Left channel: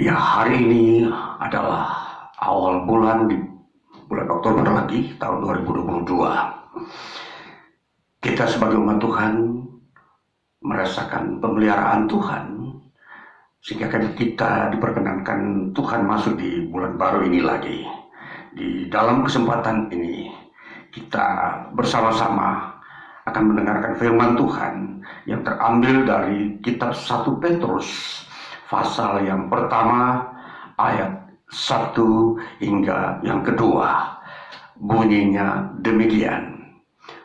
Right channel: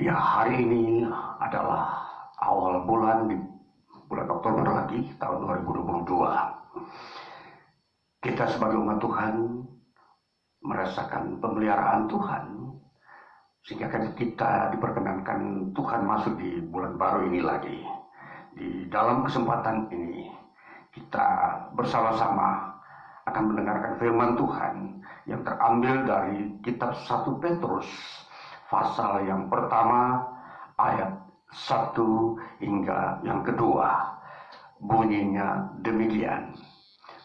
Ya, hari ini adalah awal bulan di bulan Oktober lagi tahun 2022. Kita sebagai umat Tuhan merasakan pemeliharaan Tuhan sehingga kita diperkenankan Tuhan masuk di bulan baru ini lagi. Di dalam kesempatan ini kita bersama-sama akan mendengarkan firman Tuhan yang terambil dari kitab 1 Petrus pasal yang pertama ayat 1 hingga yang kedua. Bunyinya demikian.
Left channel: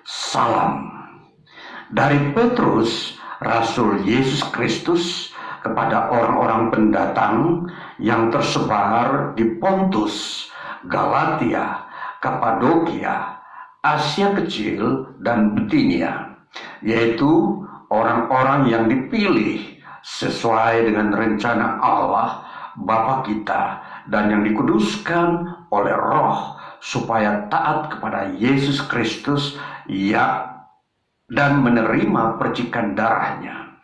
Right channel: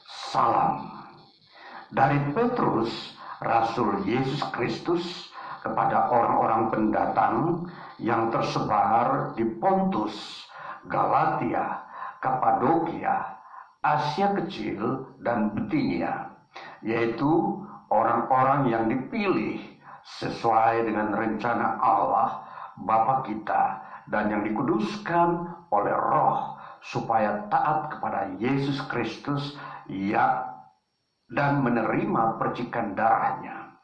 Salam dari Petrus, Rasul Yesus Kristus, kepada orang-orang pendatang yang tersebar di Pontus, Galatia, Kapadokia, Asia Kecil, dan Bitinia, yaitu orang-orang yang dipilih sesuai dengan rencana Allah Bapa kita dan yang dikuduskan oleh Roh supaya taat kepada Yesus Kristus dan menerima percikan darahnya.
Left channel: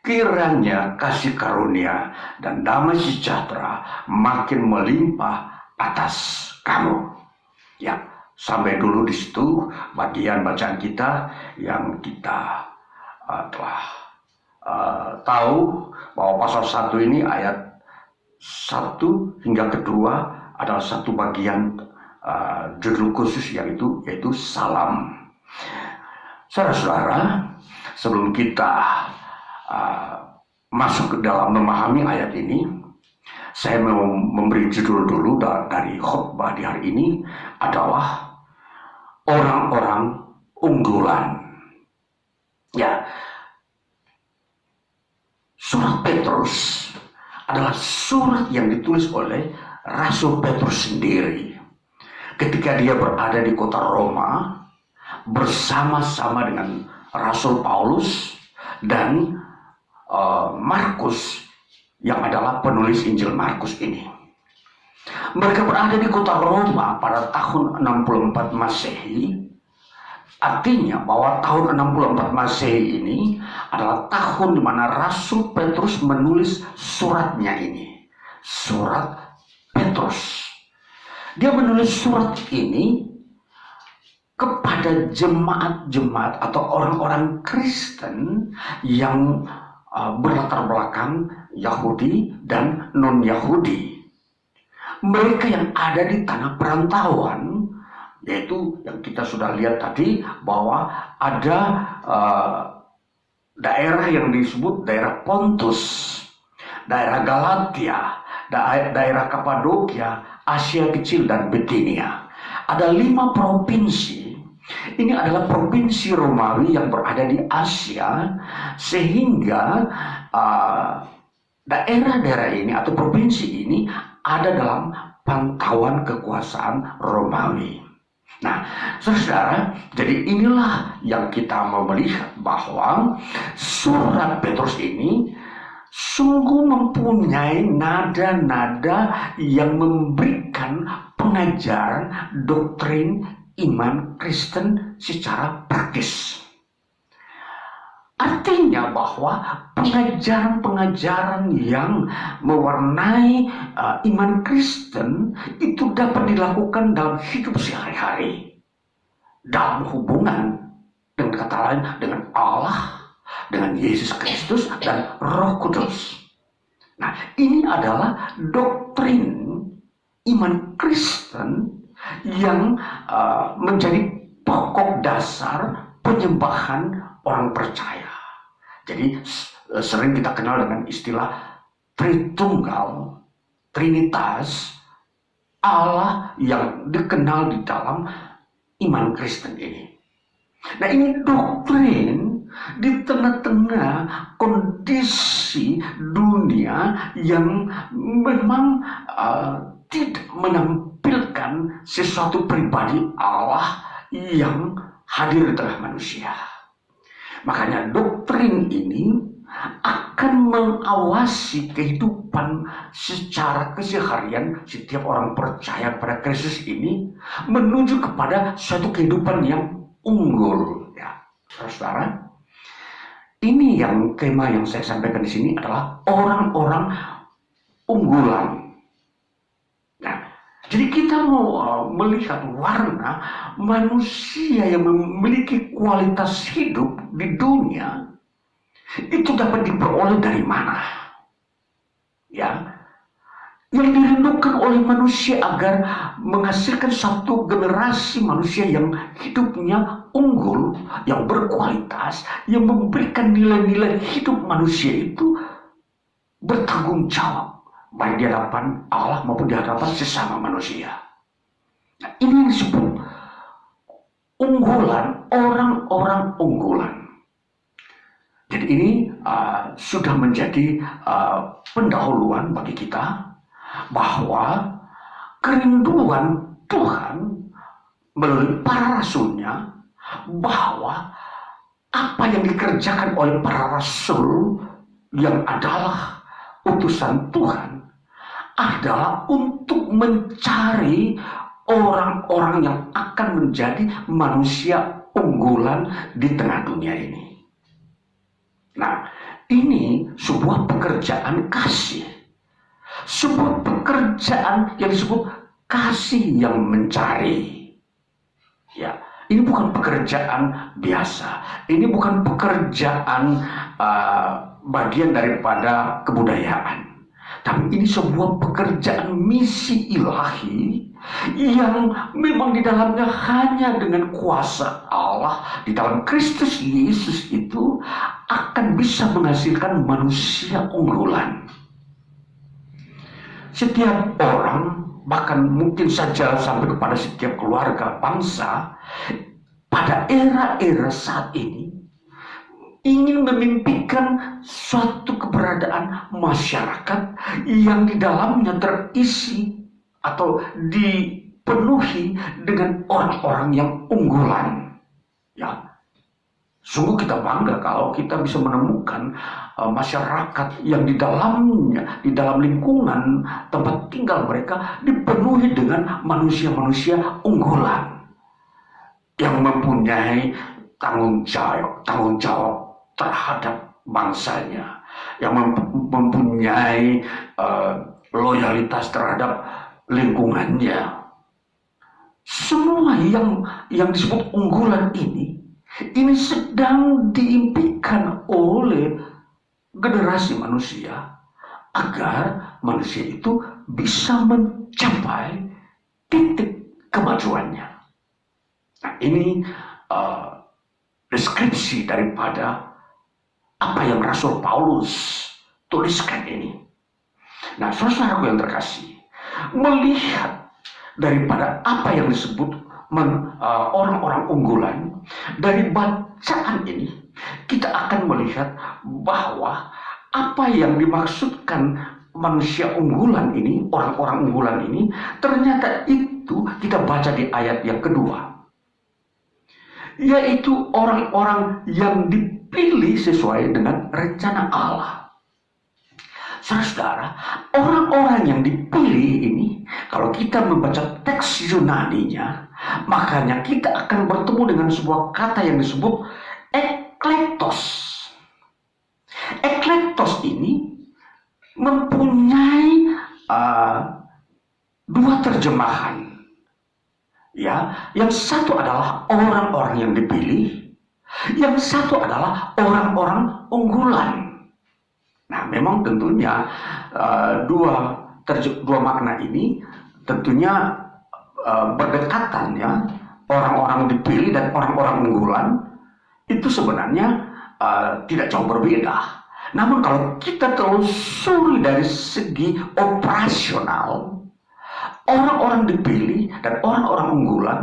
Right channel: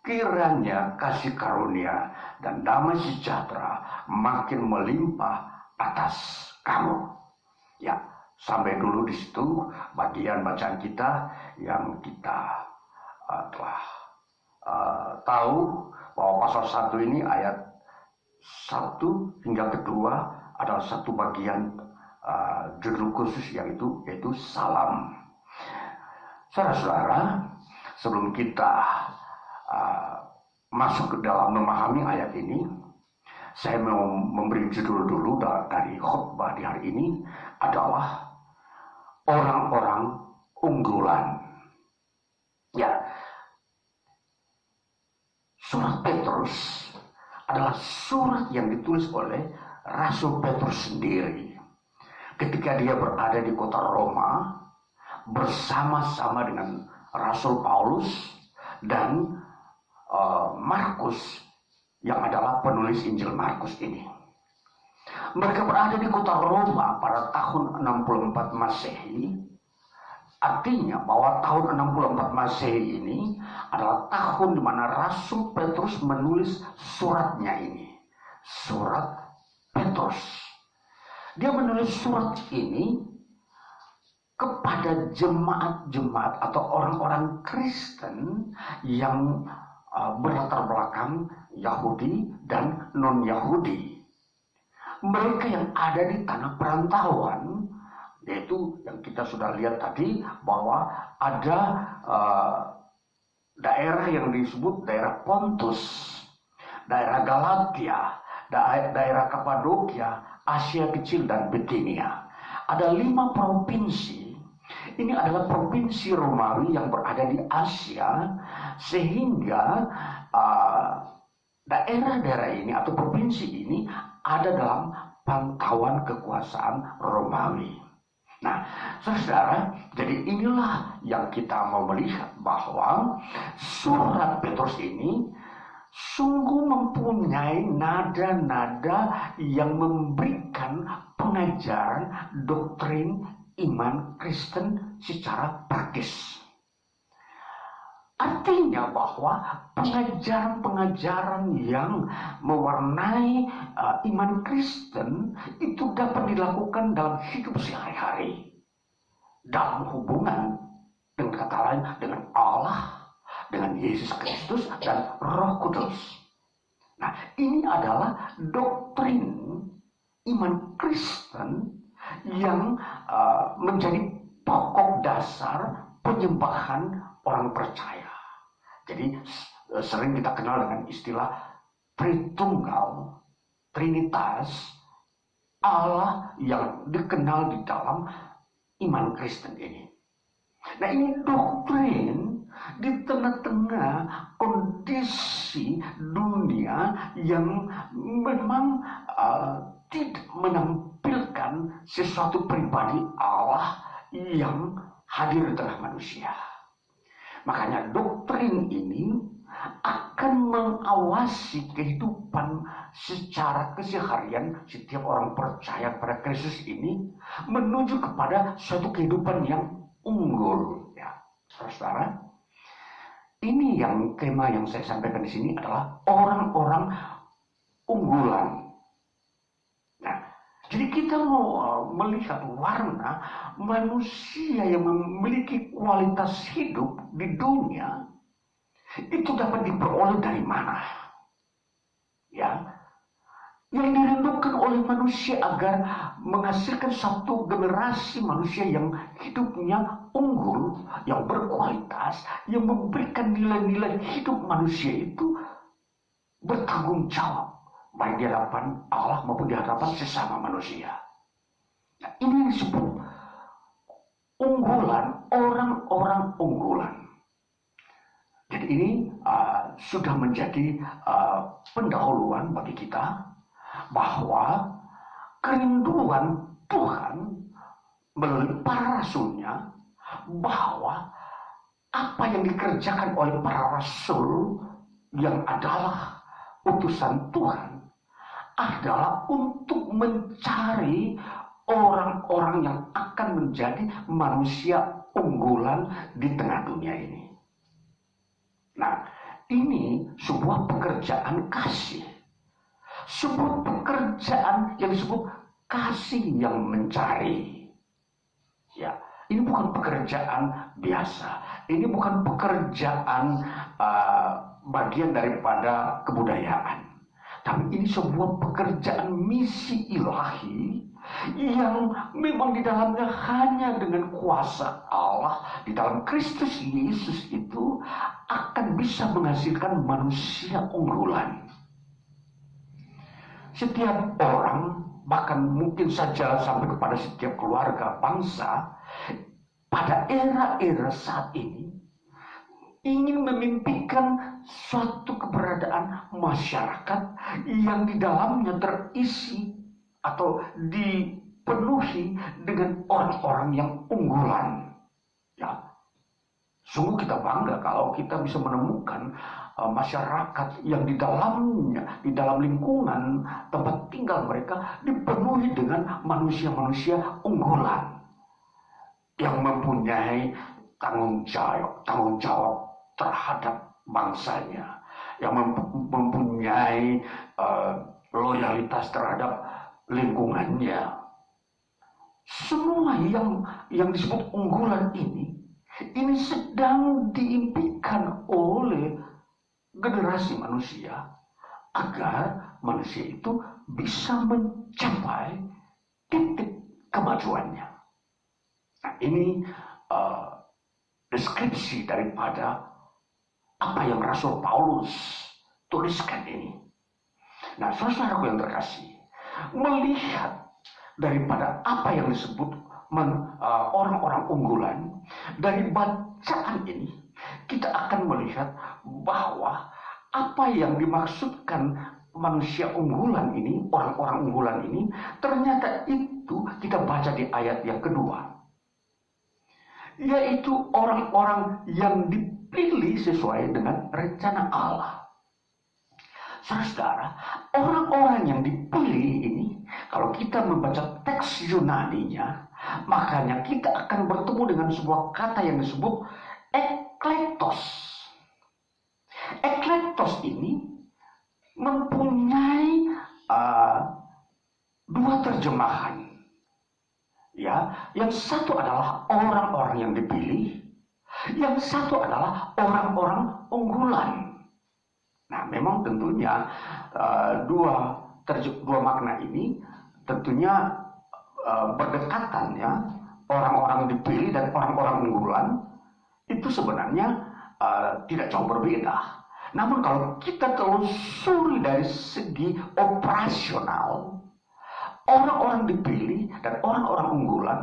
Kiranya kasih karunia dan damai sejahtera makin melimpah atas kamu. Ya, sampai dulu di situ bagian bacaan kita yang kita telah tahu bahwa pasal 1 ini ayat 1 hingga kedua adalah satu bagian judul khusus yaitu salam. Saudara-saudara, sebelum kita masuk ke dalam memahami ayat ini, saya mau memberi judul dulu dari khotbah di hari ini adalah orang-orang unggulan. Ya, surat Petrus adalah surat yang ditulis oleh Rasul Petrus sendiri ketika dia berada di kota Roma bersama-sama dengan Rasul Paulus dan Markus yang adalah penulis Injil Markus ini. Mereka berada di kota Roma pada tahun 64 Masehi. Artinya bahwa tahun 64 Masehi ini adalah tahun di mana Rasul Petrus menulis suratnya ini. Surat Petrus. Dia menulis surat ini kepada jemaat-jemaat atau orang-orang Kristen yang berlatar belakang Yahudi dan non-Yahudi. Mereka yang ada di tanah perantauan, yaitu yang kita sudah lihat tadi bahwa ada daerah yang disebut daerah Pontus, daerah Galatia, daerah Kapadokia, Asia Kecil, dan Bitinia. Ada 5 provinsi. Ini adalah provinsi Romawi yang berada di Asia, sehingga daerah-daerah ini atau provinsi ini ada dalam pantauan kekuasaan Romawi. Nah, saudara, jadi inilah yang kita mau melihat bahwa surat Petrus ini sungguh mempunyai nada-nada yang memberikan pengajaran doktrin iman Kristen secara praktis. Artinya bahwa pengajaran-pengajaran yang mewarnai iman Kristen itu dapat dilakukan dalam hidup sehari-hari, dalam hubungan dengan kata lain dengan Allah, dengan Yesus Kristus dan Roh Kudus. Nah, ini adalah doktrin iman Kristen yang menjadi pokok dasar penyembahan orang percaya. Jadi sering kita kenal dengan istilah Tritunggal, Trinitas, Allah yang dikenal di dalam iman Kristen ini. Nah, ini doktrin di tengah-tengah kondisi dunia yang memang tidak menampilkan sesuatu pribadi Allah yang hadir di tengah manusia. Makanya doktrin ini akan mengawasi kehidupan secara keseharian setiap orang percaya pada Kristus ini menuju kepada suatu kehidupan yang unggul. Ya, saudara, ini yang tema yang saya sampaikan di sini adalah orang-orang unggulan. Nah, jadi kita mau melihat warna manusia yang memiliki kualitas hidup di dunia itu dapat diperoleh dari mana? Ya, yang dirindukan oleh manusia agar menghasilkan satu generasi manusia yang hidupnya unggul, yang berkualitas, yang memberikan nilai-nilai hidup manusia itu bertanggung jawab baik di hadapan Allah maupun di hadapan sesama manusia. Nah, ini yang disebut unggulan, orang-orang unggulan. Jadi ini sudah menjadi pendahuluan bagi kita bahwa kerinduan Tuhan melalui para rasulnya bahwa apa yang dikerjakan oleh para rasul yang adalah utusan Tuhan adalah untuk mencari orang-orang yang akan menjadi manusia unggulan di tengah dunia ini. Nah, ini sebuah pekerjaan kasih. Sebuah pekerjaan yang disebut kasih yang mencari. Ya, ini bukan pekerjaan biasa. Ini bukan pekerjaan bagian daripada kebudayaan. Tapi ini sebuah pekerjaan misi ilahi yang memang di dalamnya hanya dengan kuasa Allah di dalam Kristus Yesus itu akan bisa menghasilkan manusia unggulan. Setiap orang, bahkan mungkin saja sampai kepada setiap keluarga bangsa pada era-era saat ini ingin memimpikan suatu keberadaan masyarakat yang di dalamnya terisi atau dipenuhi dengan orang-orang yang unggulan. Ya, sungguh kita bangga kalau kita bisa menemukan masyarakat yang di dalamnya, di dalam lingkungan tempat tinggal mereka dipenuhi dengan manusia-manusia unggulan yang mempunyai tanggung jawab terhadap bangsanya, yang mempunyai loyalitas terhadap lingkungannya. Semua yang disebut unggulan ini sedang diimpikan oleh generasi manusia agar manusia itu bisa mencapai titik kemajuannya. Nah, ini deskripsi daripada apa yang Rasul Paulus tuliskan ini. Nah, saudara-saudaraku yang terkasih, melihat daripada apa yang disebut orang-orang unggulan dari bacaan ini, kita akan melihat bahwa apa yang dimaksudkan manusia unggulan ini, orang-orang unggulan ini, ternyata itu kita baca di ayat yang kedua, yaitu orang-orang yang dipilih sesuai dengan rencana Allah. Saudara-saudara, orang-orang yang dipilih ini, kalau kita membaca teks Yunaninya, makanya kita akan bertemu dengan sebuah kata yang disebut eklektos. Eklektos ini mempunyai dua terjemahan. Ya, yang satu adalah orang-orang yang dipilih, yang satu adalah orang-orang unggulan. Nah, memang tentunya dua makna ini tentunya berdekatan ya. Orang-orang dipilih dan orang-orang unggulan itu sebenarnya tidak jauh berbeda. Namun kalau kita telusuri dari segi operasional, orang-orang dipilih dan orang-orang unggulan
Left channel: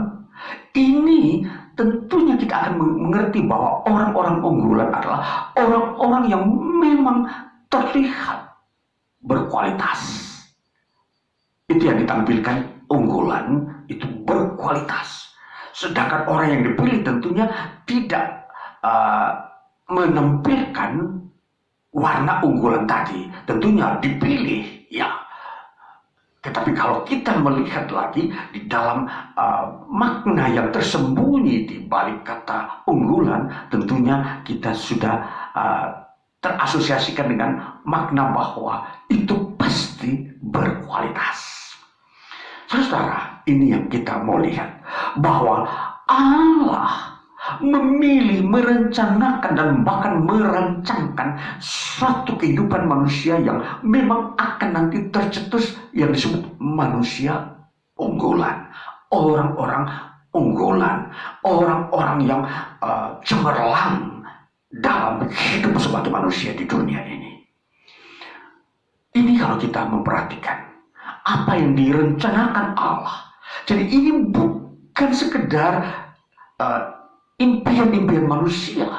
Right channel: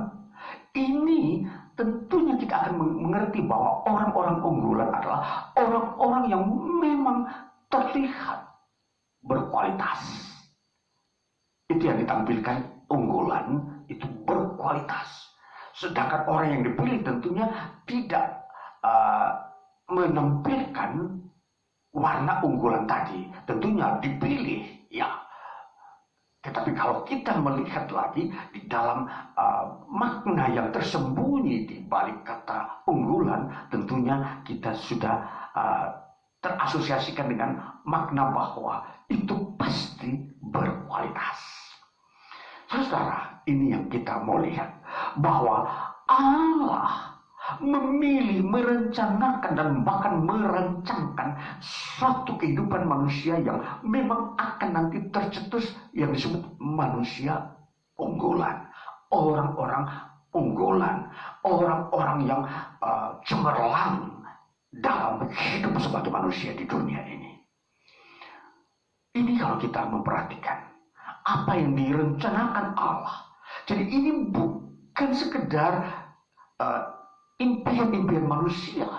ini tentunya kita akan mengerti bahwa orang-orang unggulan adalah orang-orang yang memang terlihat berkualitas. Itu yang ditampilkan unggulan itu berkualitas. Sedangkan orang yang dipilih tentunya tidak menampilkan warna unggulan tadi. Tentunya dipilih, ya. Tetapi kalau kita melihat lagi di dalam makna yang tersembunyi di balik kata unggulan, tentunya kita sudah terasosiasikan dengan makna bahwa itu pasti mesti berkualitas. Saudara, ini yang kita mau lihat, bahwa Allah memilih, merencanakan, dan bahkan merancangkan suatu kehidupan manusia yang memang akan nanti tercetus yang disebut manusia unggulan, orang-orang unggulan, orang-orang yang cemerlang dalam hidup sebagai manusia di dunia ini. Ini kalau kita memperhatikan apa yang direncanakan Allah. Jadi ini bukan sekedar impian-impian manusia,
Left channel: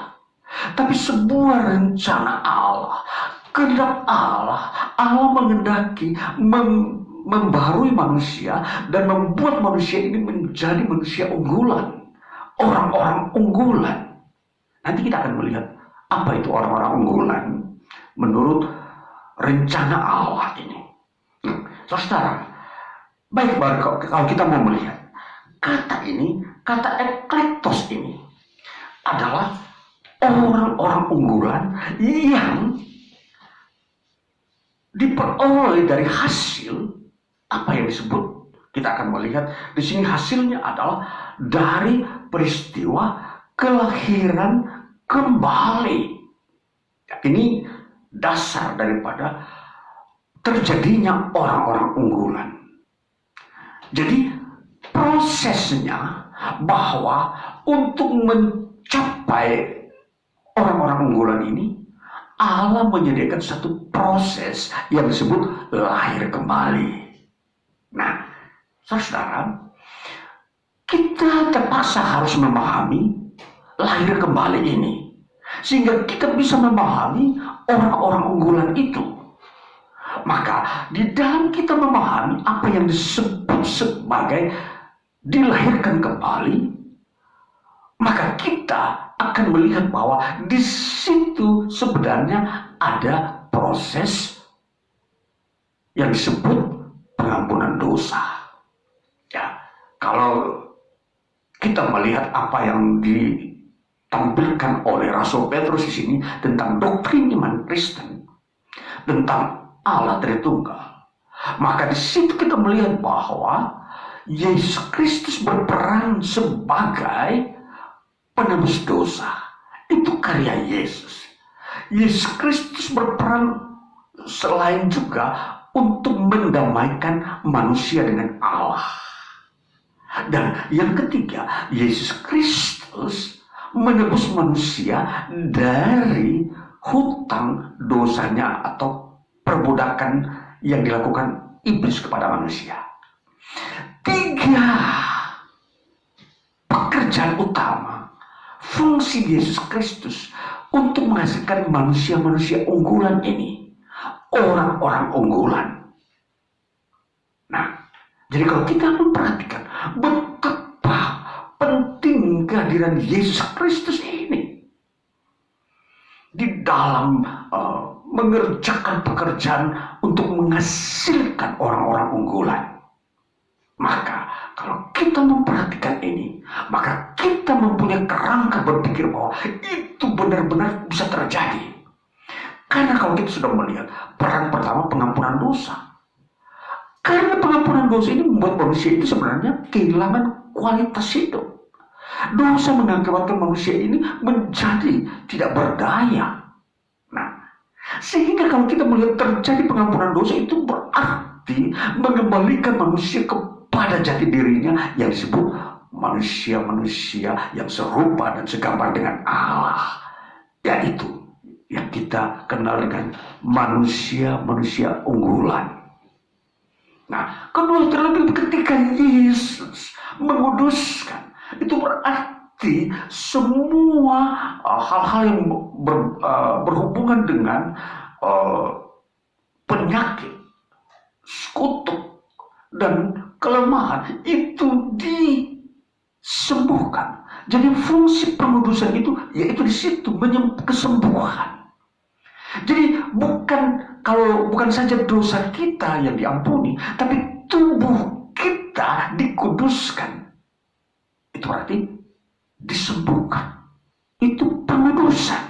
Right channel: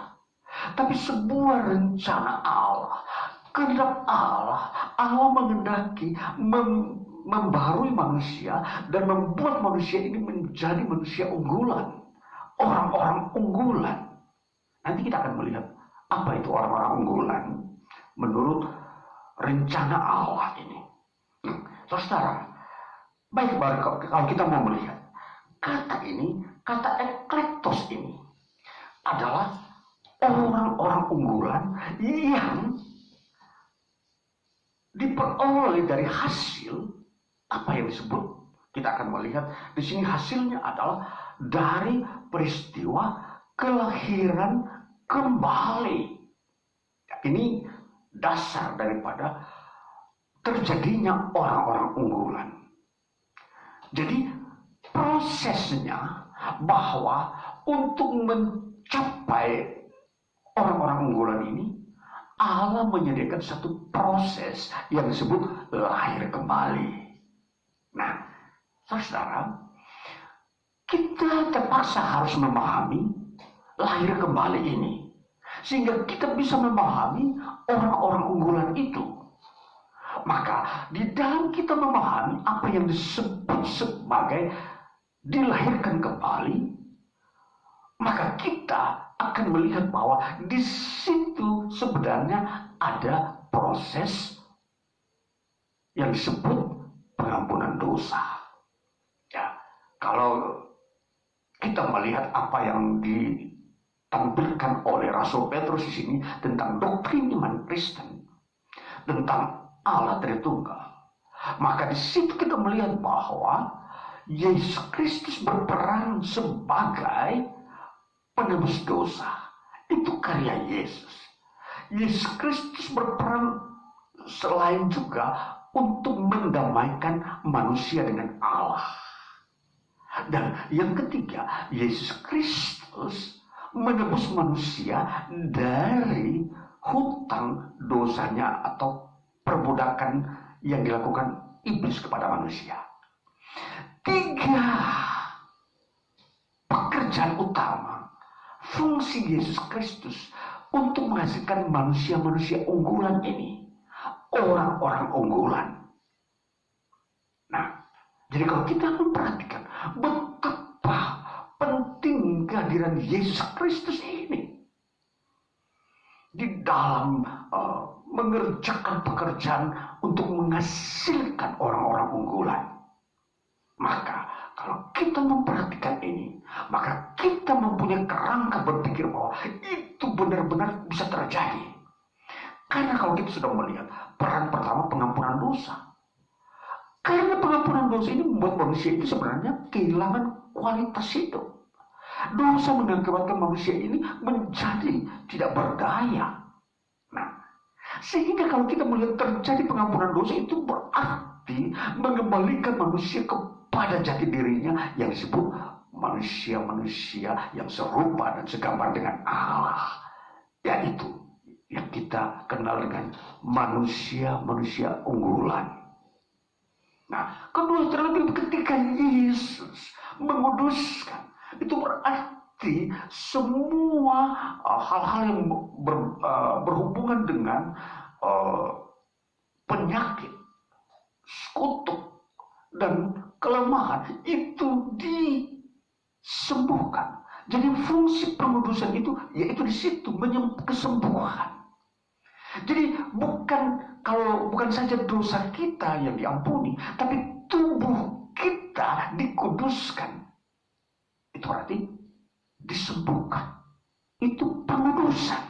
tapi sebuah rencana Allah, kehendak Allah. Allah menghendaki membarui manusia dan membuat manusia ini menjadi manusia unggulan, orang-orang unggulan. Nanti kita akan melihat apa itu orang-orang unggulan menurut rencana Allah ini. Saudara, baik kalau kita mau melihat kata ini, kata eklektos ini adalah orang-orang unggulan yang diperoleh dari hasil apa yang disebut, kita akan melihat di sini hasilnya adalah dari peristiwa kelahiran kembali. Ini dasar daripada terjadinya orang-orang unggulan. Jadi prosesnya bahwa untuk mencapai orang-orang unggulan ini, Allah menyediakan satu proses yang disebut lahir kembali. Nah, saudara, kita terpaksa harus memahami lahir kembali ini, sehingga kita bisa memahami orang-orang unggulan itu. Maka di dalam kita memahami apa yang disebut sebagai dilahirkan kembali, maka kita akan melihat bahwa di situ sebenarnya ada proses yang disebut pengampunan dosa. Ya, kalau kita melihat apa yang ditampilkan oleh Rasul Petrus di sini tentang doktrin iman Kristen, tentang Allah Tritunggal, maka di situ kita melihat bahwa Yesus Kristus berperan sebagai penebus dosa. Itu karya Yesus. Yesus Kristus berperan selain juga untuk mendamaikan manusia dengan Allah. Dan yang ketiga, Yesus Kristus menebus manusia dari hutang dosanya atau perbudakan yang dilakukan iblis kepada manusia. 3 pekerjaan utama fungsi Yesus Kristus untuk menghasilkan manusia-manusia unggulan ini, orang-orang unggulan. Nah, jadi kalau kita memperhatikan betapa penting kehadiran Yesus Kristus ini di dalam mengerjakan pekerjaan untuk menghasilkan orang-orang unggulan. Maka kalau kita memperhatikan ini, maka kita mempunyai kerangka berpikir bahwa itu benar-benar bisa terjadi. Karena kalau kita sudah melihat peran pertama, pengampunan dosa. Karena pengampunan dosa ini membuat manusia itu sebenarnya kehilangan kualitas hidup. Dosa mengakibatkan manusia ini menjadi tidak berdaya. Nah, sehingga kalau kita melihat terjadi pengampunan dosa, itu berarti mengembalikan manusia kepada jati dirinya yang disebut manusia-manusia yang serupa dan segambar dengan Allah. Yaitu yang kita kenal dengan manusia-manusia unggulan. Nah, kedua, terlebih ketika Yesus menguduskan, itu berarti semua hal-hal yang berhubungan dengan penyakit, kutuk, dan kelemahan itu disembuhkan. Jadi fungsi pengudusan itu yaitu di situ kesembuhan. Jadi bukan saja dosa kita yang diampuni, tapi tubuh kita dikuduskan. Itu berarti disembuhkan. Itu pengudusan.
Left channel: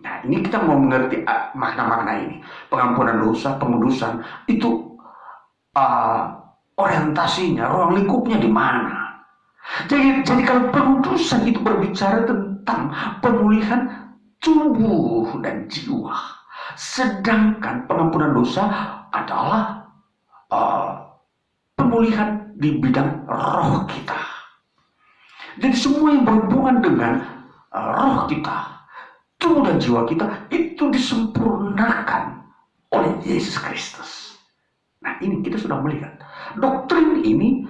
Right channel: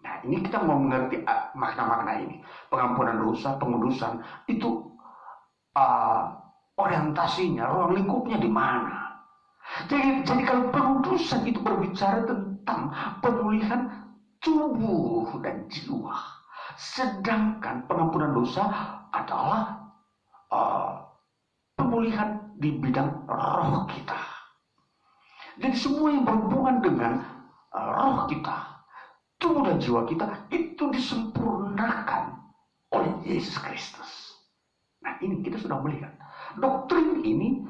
Nah, Nah, ini kita mau mengerti makna-makna ini. Pengampunan dosa, pengudusan, itu orientasinya, ruang lingkupnya di mana? Jadi kalau pengudusan itu berbicara tentang pemulihan tubuh dan jiwa, sedangkan pengampunan dosa adalah pemulihan di bidang roh kita. Jadi semua yang berhubungan dengan roh kita, tubuh dan jiwa kita itu disempurnakan oleh Yesus Kristus. Nah, ini kita sudah melihat doktrin ini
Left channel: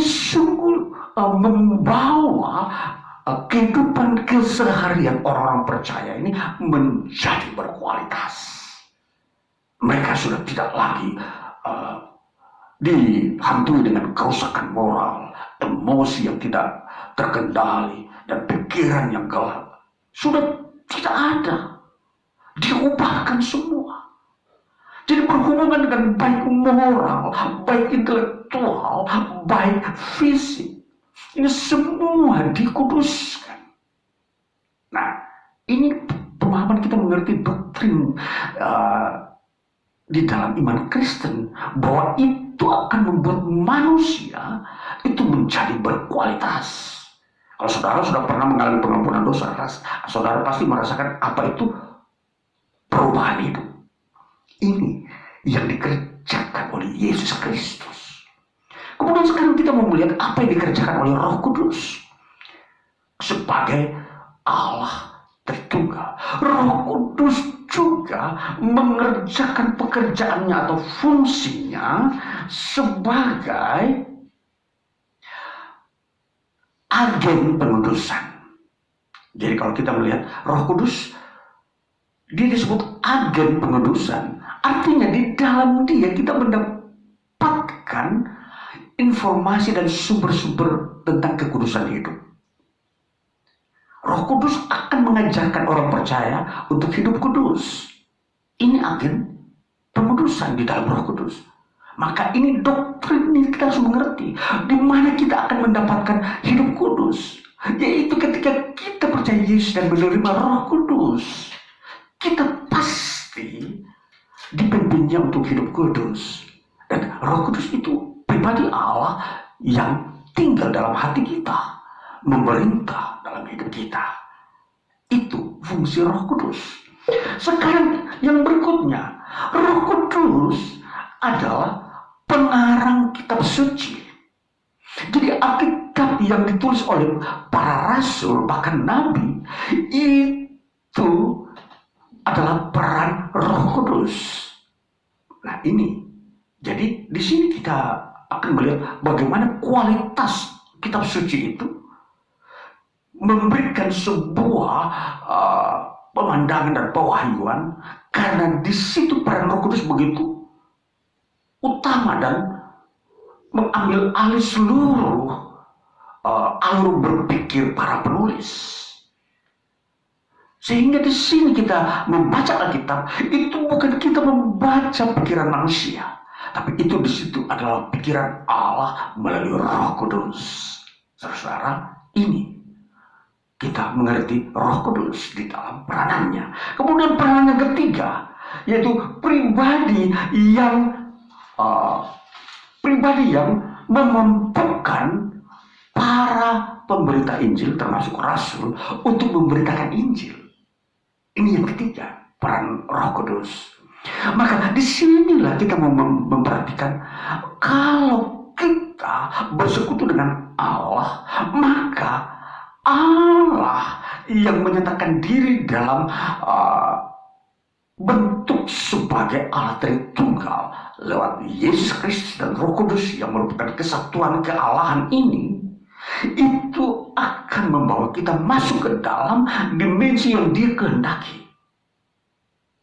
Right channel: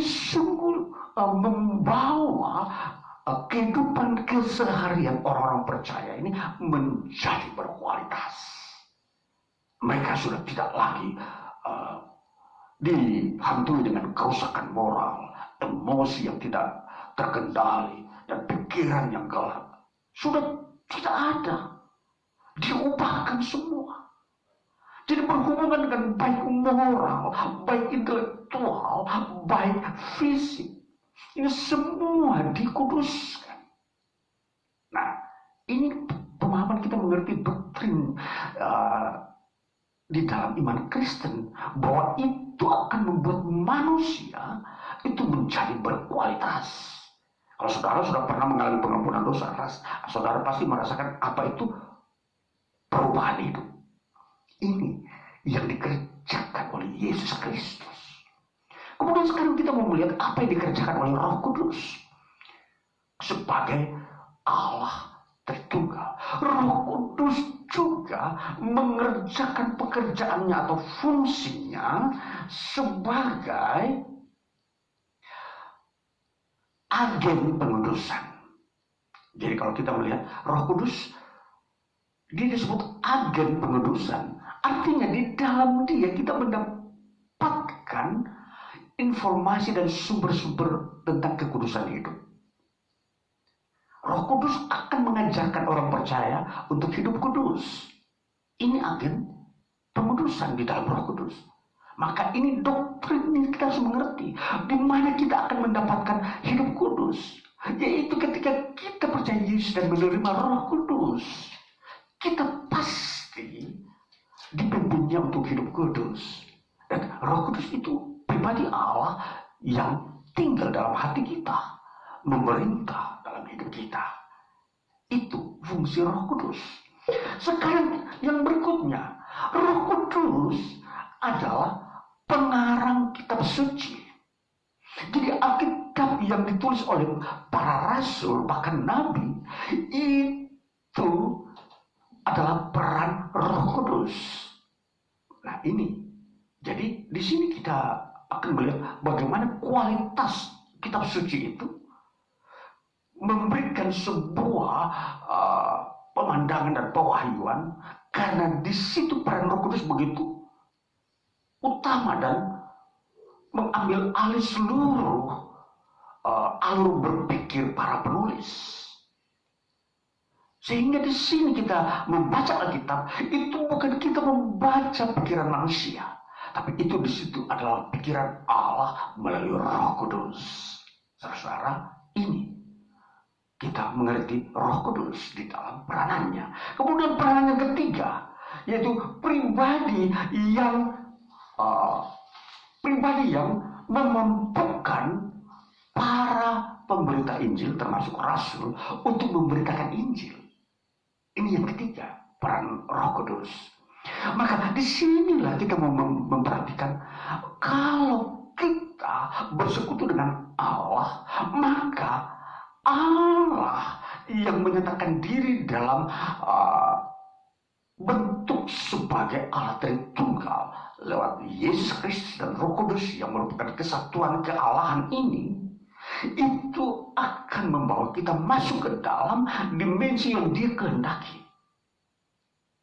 sungguh membawa kehidupan keseharian orang-orang percaya ini menjadi berkualitas. Mereka sudah tidak lagi dihantui dengan kerusakan moral, emosi yang tidak terkendali, dan pikiran yang gelap. Sudah tidak ada. Diubahkan semua. Jadi berhubungan dengan baik moral, baik intelektual, baik fisik. Ini semua dikuduskan. Nah, ini pemahaman kita mengerti doktrin di dalam iman Kristen, bahwa itu akan membuat manusia itu menjadi berkualitas. Kalau saudara sudah pernah mengalami pengampunan dosa, saudara pasti merasakan apa itu perubahan hidup. Ini yang dikerjakan oleh Yesus Kristus. Kemudian sekarang kita mau melihat apa yang dikerjakan oleh Roh Kudus sebagai Allah Tritunggal. Roh Kudus juga mengerjakan pekerjaannya atau fungsinya sebagai agen pengudusan. Jadi kalau kita melihat Roh Kudus, dia disebut agen pengudusan. Artinya di dalam dia kita mendapatkan informasi dan sumber-sumber tentang kekudusan hidup. Roh Kudus akan mengajarkan orang percaya untuk hidup kudus. Ini agen pengudusan di dalam Roh Kudus. Maka ini doktrin yang kita harus mengerti. Di mana kita akan mendapatkan hidup kudus. Yaitu ketika kita percaya Yesus dan menerima Roh Kudus. Kita pasti dipimpinnya untuk hidup kudus. Dan Roh Kudus itu pribadi Allah yang tinggal dalam hati kita, memerintah dalam hidup kita. Itu fungsi Roh Kudus. Sekarang yang berikutnya, Roh Kudus adalah pengarang kitab suci. Jadi Alkitab yang ditulis oleh para rasul, bahkan nabi, itu adalah peran Roh Kudus. Nah, ini jadi di sini kita akan melihat bagaimana kualitas kitab suci itu memberikan sebuah pemandangan dan pewahyuan, karena di situ peran Roh Kudus begitu utama dan mengambil alih seluruh alur berpikir para penulis. Sehingga di sini kita membaca Alkitab itu bukan kita membaca pikiran manusia, tapi itu di situ adalah pikiran Allah melalui Roh Kudus. Saudara, ini kita mengerti Roh Kudus di dalam peranannya. Kemudian peranan yang ketiga, yaitu pribadi yang memampukan para pemberita Injil termasuk rasul untuk memberitakan Injil. Ini yang ketiga, peran Roh Kudus. Maka disinilah kita memperhatikan, kalau kita bersekutu dengan Allah, maka Allah yang menyatakan diri dalam bentuk sebagai Allah Tritunggal lewat Yesus Kristus dan Roh Kudus yang merupakan kesatuan kealahan ini, itu akan membawa kita masuk ke dalam dimensi yang Dia kehendaki.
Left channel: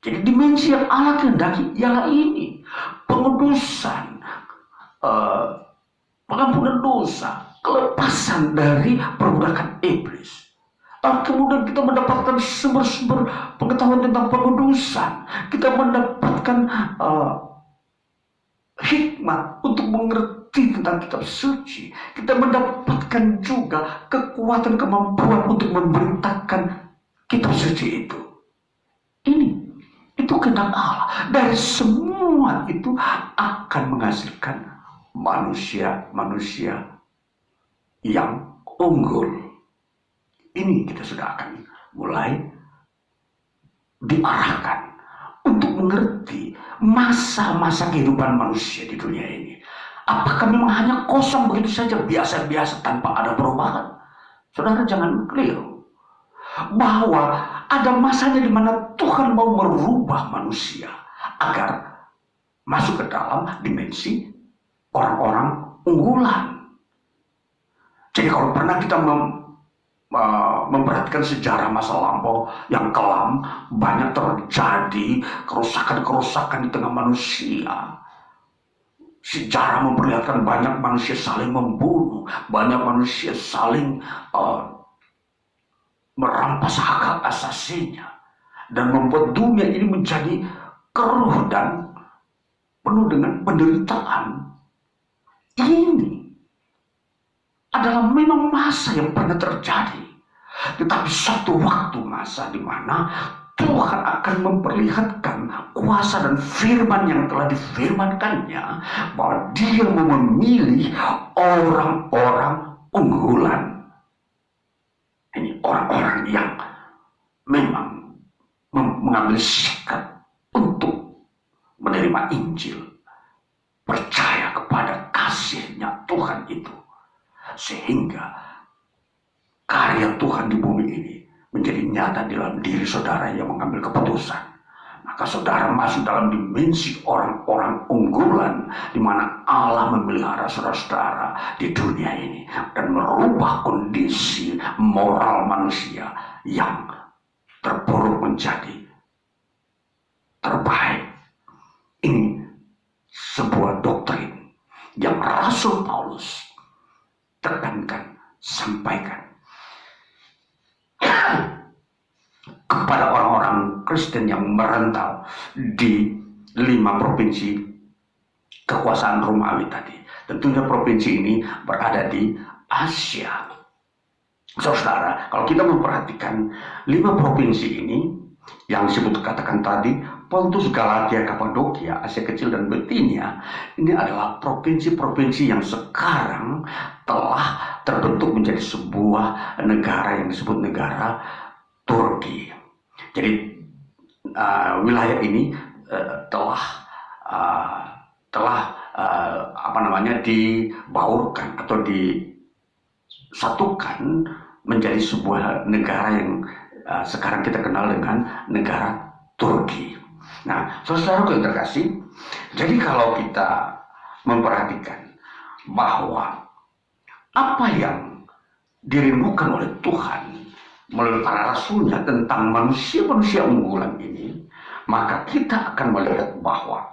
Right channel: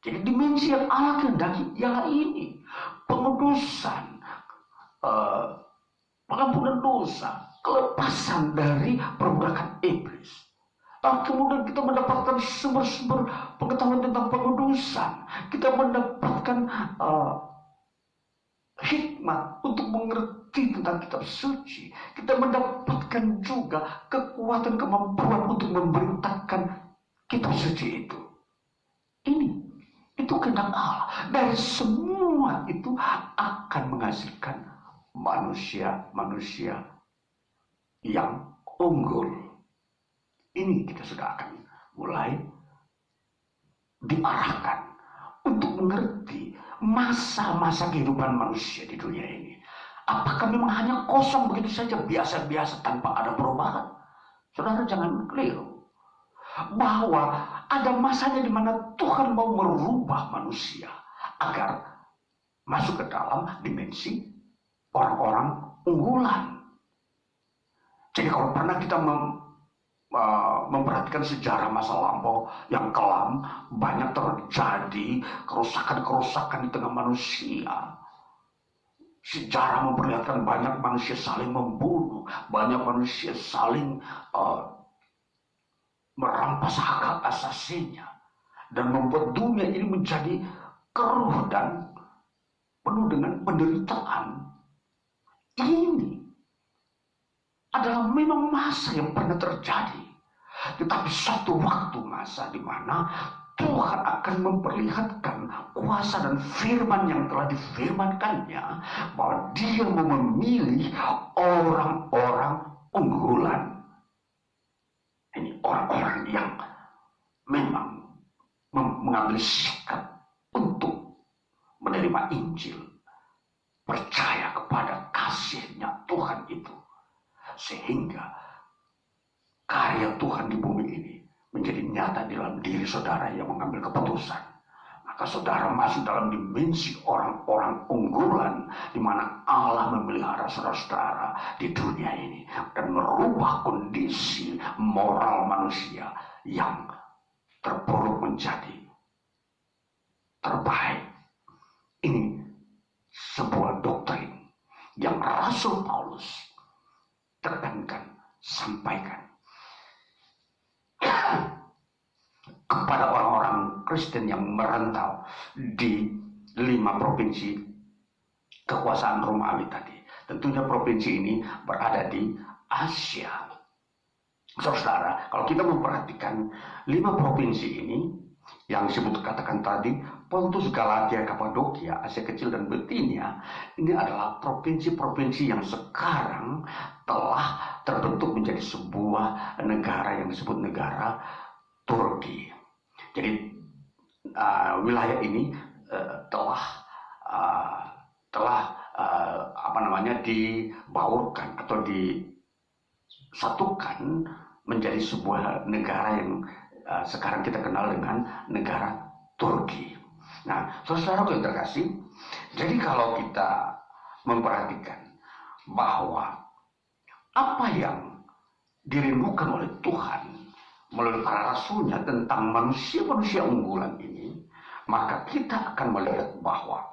Jadi dimensi yang Allah kehendaki ialah ini, pengudusan, pengampunan dosa, kelepasan dari perbudakan iblis. Kemudian kita mendapatkan sumber-sumber pengetahuan tentang pengudusan. Kita mendapatkan hikmat untuk mengerti tentang kitab suci. Kita mendapatkan juga kekuatan, kemampuan untuk memberitakan kitab suci itu. itu kehendak Allah. Dari semua itu akan menghasilkan manusia-manusia yang unggul. Ini kita sudah akan mulai diarahkan untuk mengerti masa-masa kehidupan manusia di dunia ini. Apakah memang hanya kosong begitu saja, biasa-biasa tanpa ada perubahan? Saudara jangan keliru bahwa ada masanya di mana Tuhan mau merubah manusia agar masuk ke dalam dimensi orang-orang unggulan. Jadi kalau pernah kita memperhatikan sejarah masa lampau yang kelam, banyak terjadi kerusakan-kerusakan di tengah manusia. Sejarah memperlihatkan banyak manusia saling membunuh, banyak manusia saling merampas hak asasinya, dan membuat dunia ini menjadi keruh dan penuh dengan penderitaan. Ini adalah memang masa yang pernah terjadi. Tetapi suatu waktu masa di mana Tuhan akan memperlihatkan kuasa dan firman yang telah difirmankannya, bahwa Dia mau memilih orang-orang unggulan. Ini orang-orang yang memang mengambil sikap untuk menerima Injil, percaya kepada kasih-Nya Tuhan itu, sehingga karya Tuhan di bumi ini menjadi nyata dalam diri saudara yang mengambil keputusan. Maka saudara masuk dalam dimensi orang-orang unggulan, di mana Allah memelihara saudara-saudara di dunia ini dan merubah kondisi moral manusia yang terpuruk menjadi terbaik. Ini sebuah doktrin yang Rasul Paulus tekankan, sampaikan kepada orang-orang Kristen yang merantau di 5 provinsi kekuasaan Romawi tadi. Tentunya provinsi ini berada di Asia. Saudara, kalau kita memperhatikan 5 provinsi ini yang disebut katakan tadi, Pontus, Galatia, Kapadokia, Asia Kecil, dan Bitinia, ini adalah provinsi-provinsi yang sekarang telah terbentuk menjadi sebuah negara yang disebut negara Turki. Jadi wilayah ini telah dibaurkan atau disatukan menjadi sebuah negara yang sekarang kita kenal dengan negara Turki. Nah, saudara yang terkasih, jadi kalau kita memperhatikan bahwa apa yang dirindukan oleh Tuhan melalui para rasulnya tentang manusia-manusia unggulan ini, maka kita akan melihat bahwa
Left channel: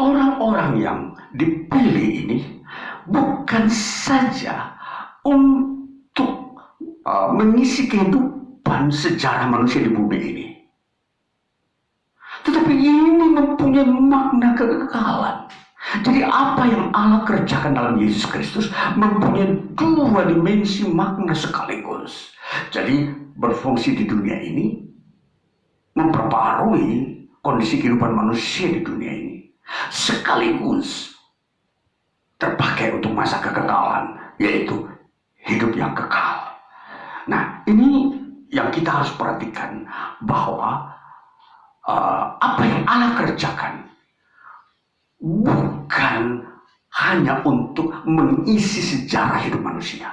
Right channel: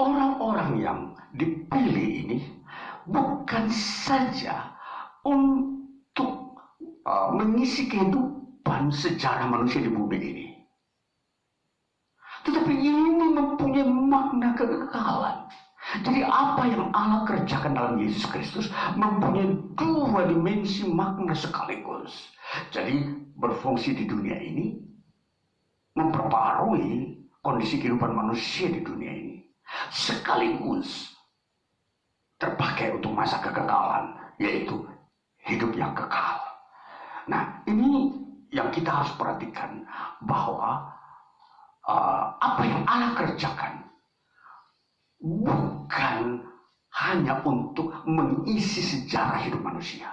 orang-orang yang dipilih ini bukan saja untuk mengisi kehidupan sejarah manusia di bumi ini, tetapi ini mempunyai makna kekekalan. Jadi apa yang Allah kerjakan dalam Yesus Kristus mempunyai 2 dimensi makna sekaligus. Jadi berfungsi di dunia ini, memperbarui kondisi kehidupan manusia di dunia ini, sekaligus terpakai untuk masa kekekalan, yaitu hidup yang kekal. Nah, ini yang kita harus perhatikan, bahwa apa yang Allah kerjakan bukan hanya untuk mengisi sejarah hidup manusia,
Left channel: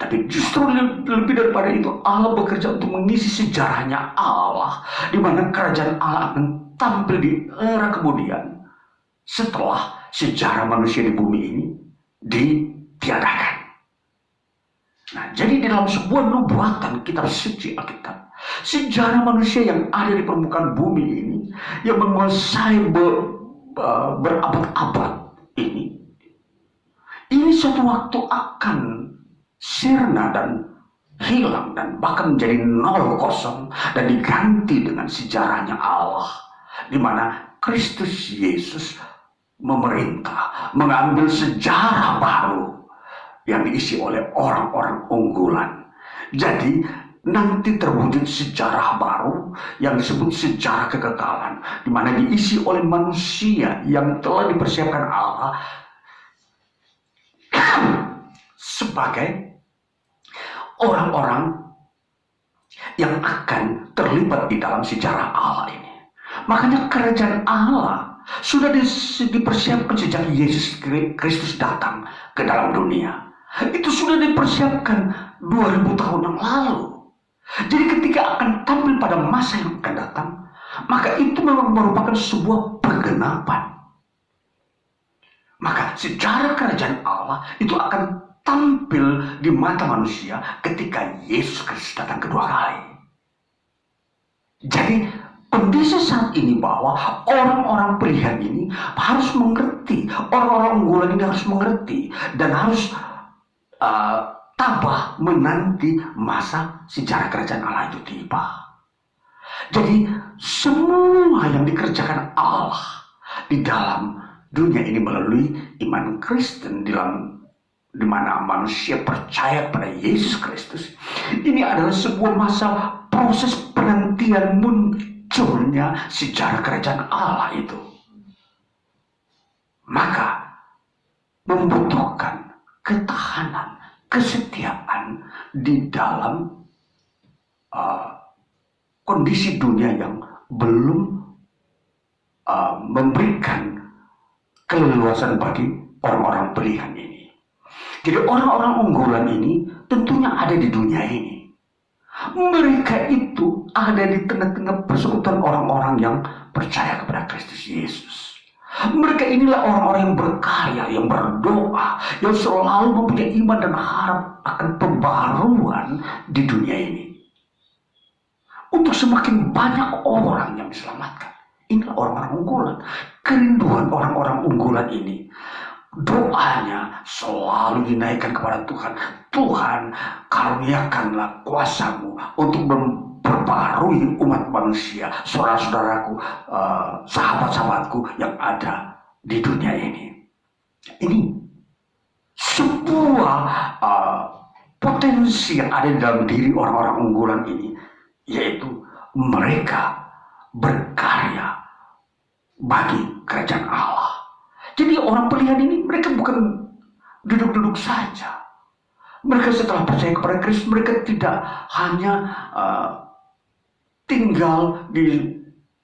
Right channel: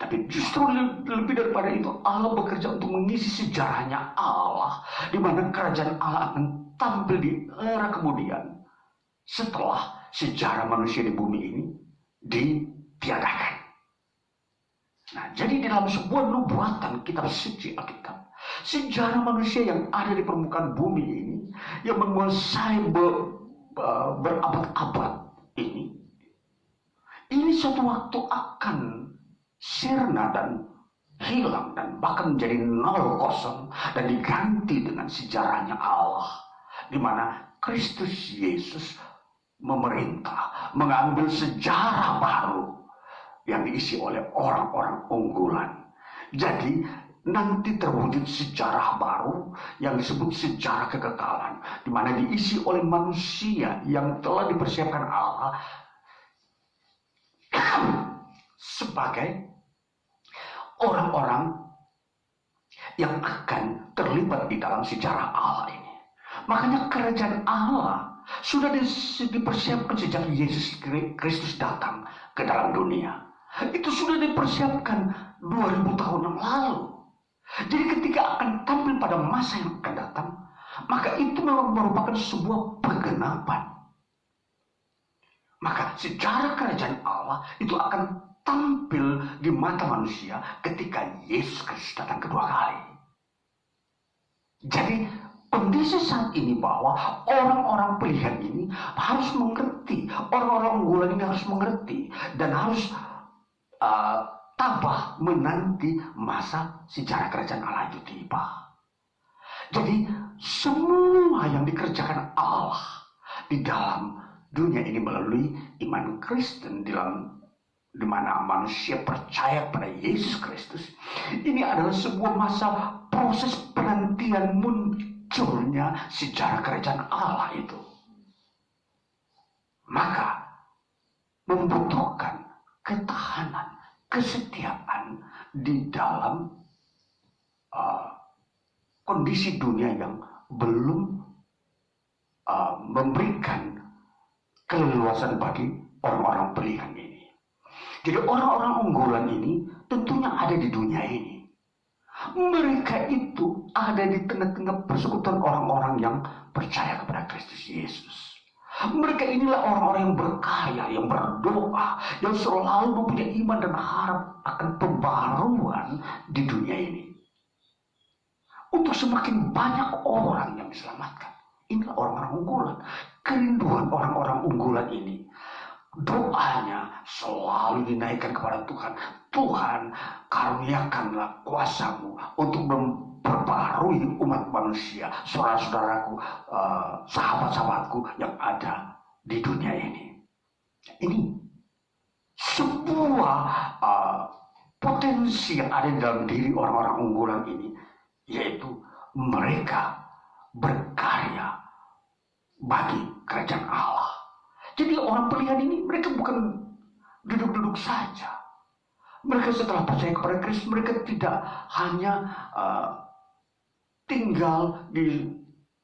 tapi justru lebih daripada itu, Allah bekerja untuk mengisi sejarahnya Allah, di mana kerajaan Allah akan tampil di era kemudian setelah sejarah manusia di bumi ini ditiadakan. Nah, jadi dalam sebuah nubuatan kitab suci Alkitab, sejarah manusia yang ada di permukaan bumi ini, yang menguasai berabad-abad ini suatu waktu akan sirna dan hilang, dan bahkan menjadi 0 dan diganti dengan sejarahnya Allah, di mana Kristus Yesus memerintah, mengambil sejarah baru yang diisi oleh orang-orang unggulan. Jadi nanti terwujud sejarah baru yang disebut sejarah kekekalan, di mana diisi oleh manusia yang telah dipersiapkan Allah sebagai orang-orang yang akan terlibat di dalam sejarah Allah ini. Makanya kerajaan Allah sudah dipersiapkan sejak Yesus Kristus datang ke dalam dunia. Itu sudah dipersiapkan 2000 tahun yang lalu. Jadi ketika akan tampil pada masa yang akan datang, maka itu memang merupakan sebuah penggenapan. Maka sejarah kerajaan Allah itu akan tampil di mata manusia ketika Yesus Kristus datang kedua kali. Jadi kondisi saat ini bahwa orang-orang pilihan ini harus mengerti, orang-orang unggulan ini harus mengerti dan harus tabah menanti masa sejarah kerajaan Allah itu tiba. Jadi semua yang dikerjakan Allah di dalam dunia ini melalui iman Kristen, di mana manusia percaya pada Yesus Kristus, ini adalah sebuah masa proses penantian munculnya sejarah kerajaan Allah itu. Maka membutuhkan ketahanan, kesetiaan di dalam kondisi dunia yang belum memberikan keleluasan bagi orang-orang pilihan ini. Jadi orang-orang unggulan ini tentunya ada di dunia ini. Mereka itu ada di tengah-tengah persekutuan orang-orang yang percaya kepada Kristus Yesus. Mereka inilah orang-orang yang berkarya, yang berdoa, yang selalu mempunyai iman dan harap akan pembaruan di dunia ini. Untuk semakin banyak orang yang diselamatkan. Inilah orang-orang unggulan. Kerinduan orang-orang unggulan ini. Doanya selalu dinaikkan kepada Tuhan. Tuhan, karuniakanlah kuasa-Mu untuk memperbarui umat manusia, saudara-saudaraku, sahabat-sahabatku yang ada di dunia ini. Ini sebuah potensi yang ada di dalam diri orang-orang unggulan ini, yaitu mereka berkarya bagi kerajaan Allah. Jadi orang pilihan ini mereka bukan duduk-duduk saja. Mereka setelah percaya kepada Kristus, mereka tidak hanya tinggal di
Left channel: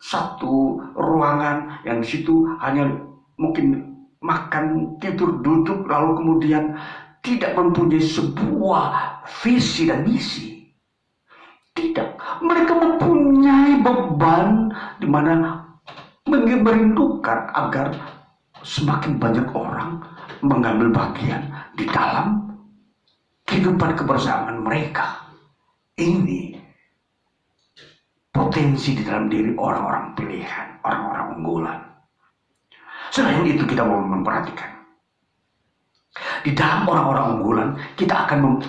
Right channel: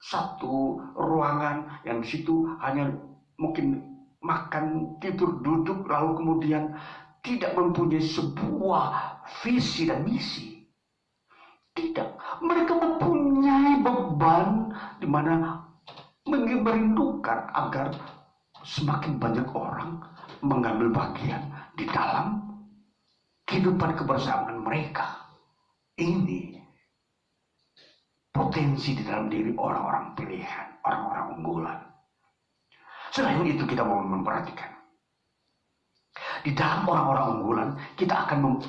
satu ruangan yang di situ hanya mungkin makan, tidur, duduk, lalu kemudian tidak mempunyai sebuah visi dan misi. Tidak, mereka mempunyai beban di mana merindukan agar semakin banyak orang mengambil bagian di dalam kehidupan kebersamaan mereka. Ini potensi di dalam diri orang-orang pilihan, orang-orang unggulan. Selain itu kita mau memperhatikan, di dalam orang-orang unggulan kita akan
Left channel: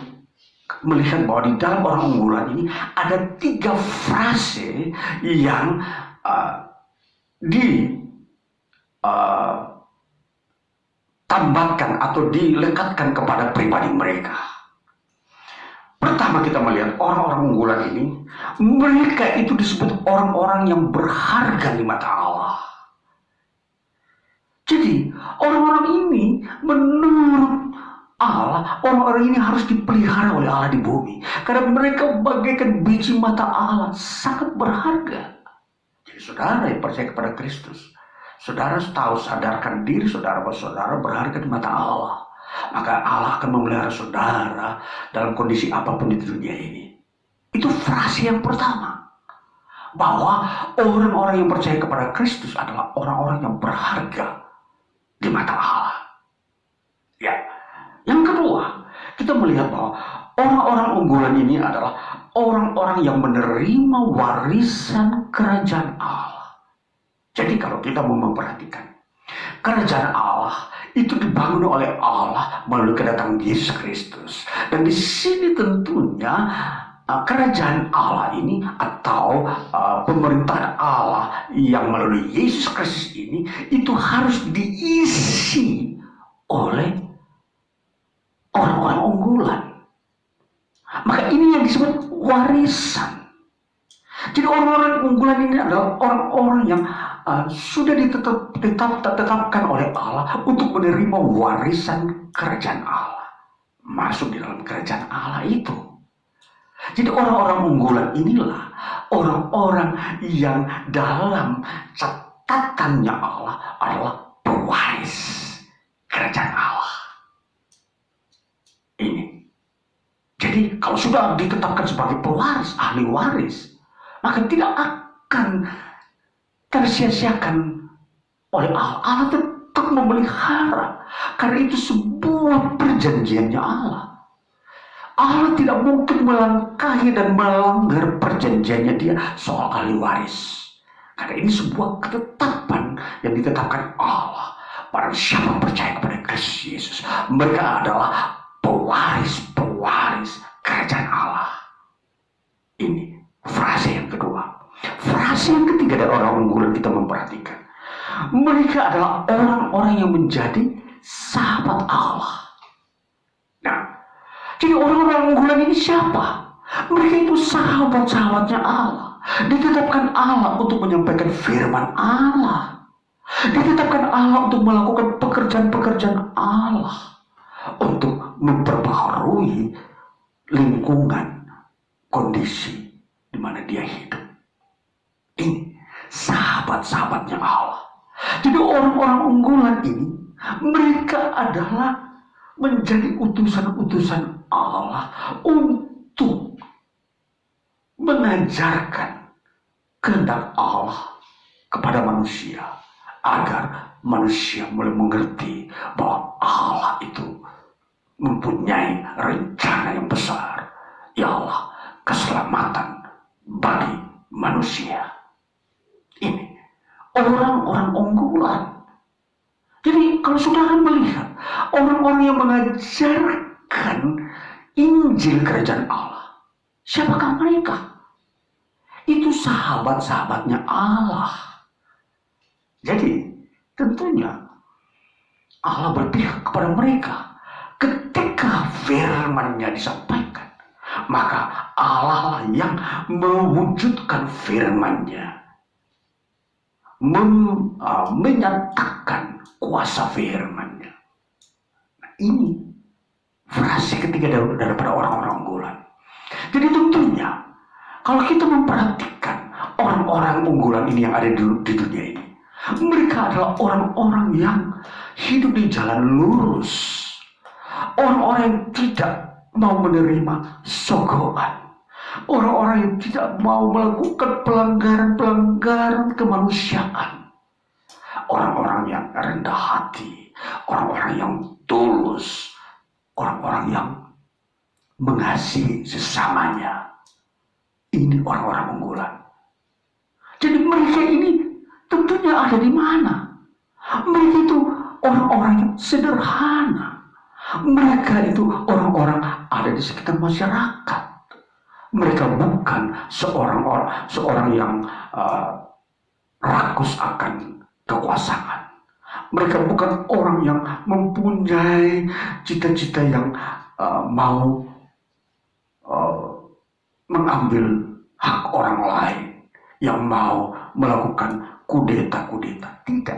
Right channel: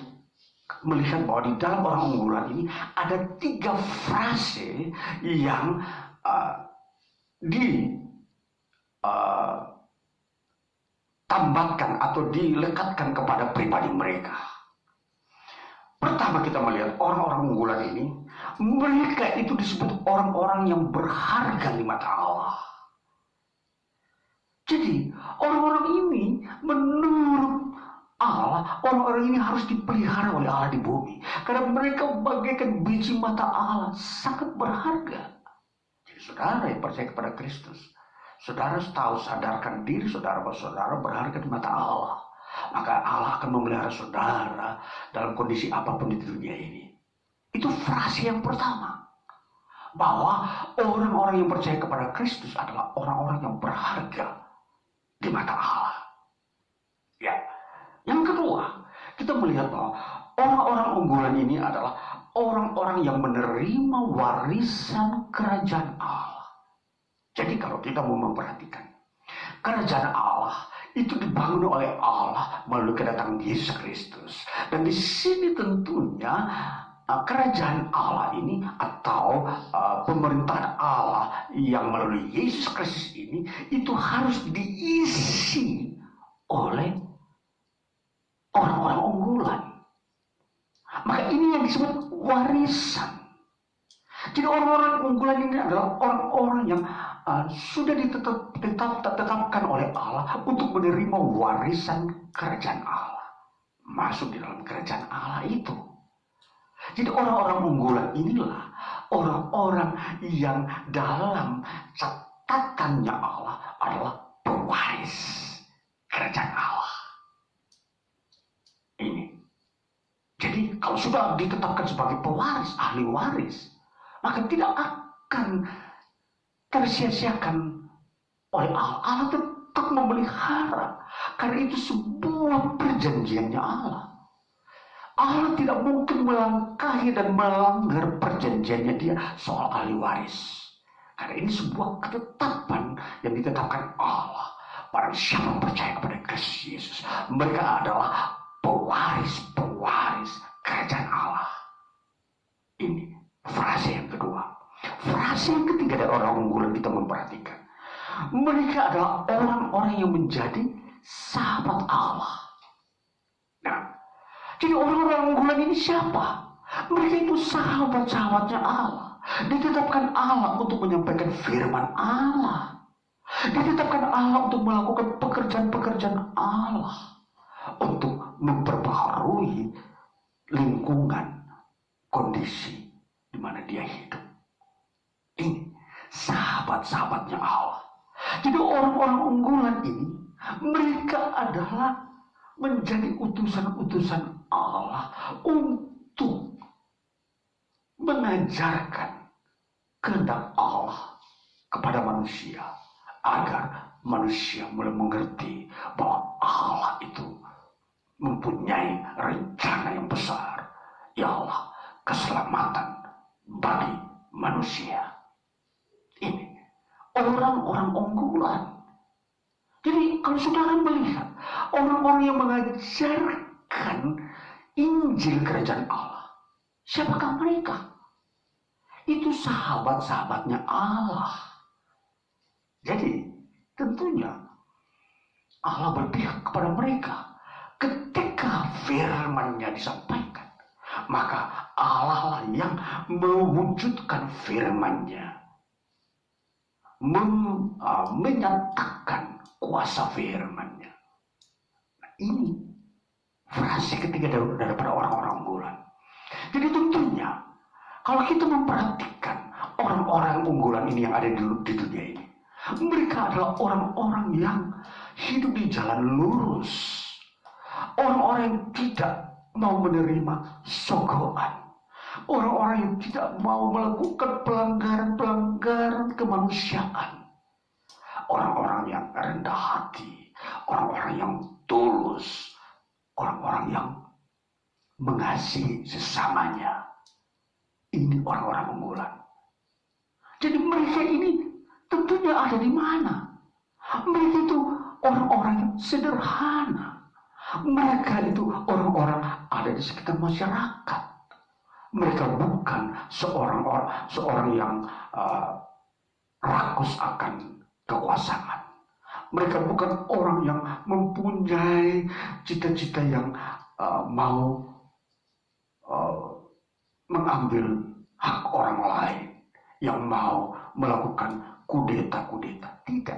melihat bahwa di dalam orang unggulan ini ada 3 frase yang ditambahkan atau dilekatkan kepada pribadi mereka. Pertama kita melihat orang-orang unggulan ini, mereka itu disebut orang-orang yang berharga di mata Allah. Jadi orang-orang ini menurut Allah, orang-orang ini harus dipelihara oleh Allah di bumi. Karena mereka bagaikan biji mata Allah, sangat berharga. Jadi saudara yang percaya kepada Kristus, saudara tahu, sadarkan diri saudara bahwa saudara berharga di mata Allah. Maka Allah akan memelihara saudara dalam kondisi apapun di dunia ini. Itu frase yang pertama. Bahwa orang-orang yang percaya kepada Kristus adalah orang-orang yang berharga di mata Allah. Ya. Yang kedua, kita melihat bahwa orang-orang unggulan ini adalah orang-orang yang menerima warisan kerajaan Allah. Jadi kalau kita mau memperhatikan, kerajaan Allah itu dibangun oleh Allah melalui kedatangan Yesus Kristus. Dan di sini tentunya kerajaan Allah ini atau pemerintahan Allah yang melalui Yesus Kristus ini itu harus diisi oleh orang-orang unggulan. Maka ini yang disebut warisan. Jadi orang-orang unggulan ini adalah orang-orang yang sudah ditetapkan oleh Allah untuk menerima warisan kerajaan Allah. Masuk di dalam kerajaan Allah itu. Jadi orang-orang unggulan inilah orang-orang yang dalam catatannya Allah adalah pewaris kerajaan Allah. Ini. Jadi kalau sudah ditetapkan sebagai pewaris, ahli waris, maka tidak akan tersia-siakan oleh Allah. Allah tetap memelihara. Karena itu sebuah perjanjiannya Allah. Allah tidak mungkin melangkahi dan melanggar perjanjiannya dia soal ahli waris. Karena ini sebuah ketetapan yang ditetapkan Allah. Barang siapa percaya kepada Kristus Yesus, mereka adalah pewaris kerajaan Allah. Ini frase yang kedua. Frase yang ketiga dari orang unggulan kita memperhatikan. Mereka adalah orang-orang yang menjadi sahabat Allah. Nah, jadi orang-orang unggulan ini siapa? Mereka itu sahabat-sahabatnya Allah. Ditetapkan Allah untuk menyampaikan firman Allah. Ditetapkan Allah untuk melakukan pekerjaan-pekerjaan Allah. Untuk memperbaharui lingkungan, kondisi di mana dia hidup. Ini sahabat-sahabatnya Allah. Jadi orang-orang unggulan ini, mereka adalah menjadi utusan-utusan Allah untuk mengajarkan kehendak Allah kepada manusia, agar manusia mulai mengerti bahwa Allah itu mempunyai rencana yang besar. Ya Allah, keselamatan bagi manusia. Ini orang-orang unggulan. Jadi kalau saudara melihat orang-orang yang mengajarkan Injil kerajaan Allah, siapakah mereka? Itu sahabat-sahabatnya Allah. Jadi tentunya Allah berpihak kepada mereka. Ketika firman-Nya disampaikan, maka Allah lah yang mewujudkan firman-Nya, menyatakan kuasa firman-Nya. Nah, ini frase ketiga daripada orang-orang unggulan. Jadi tentunya kalau kita memperhatikan orang-orang unggulan ini yang ada di dunia ini, mereka adalah orang-orang yang hidup di jalan lurus. Orang-orang yang tidak mau menerima sogokan. Orang-orang yang tidak mau melakukan pelanggaran-pelanggaran kemanusiaan. Orang-orang yang rendah hati. Orang-orang yang tulus. Orang-orang yang mengasihi sesamanya. Ini orang-orang unggulan. Jadi mereka ini tentunya ada di mana? Mereka itu orang-orang yang sederhana. Mereka itu orang-orang ada di sekitar masyarakat. Mereka bukan seorang yang rakus akan kekuasaan. Mereka bukan orang yang mempunyai cita-cita yang mau mengambil hak orang lain, yang mau melakukan kudeta-kudeta. Tidak.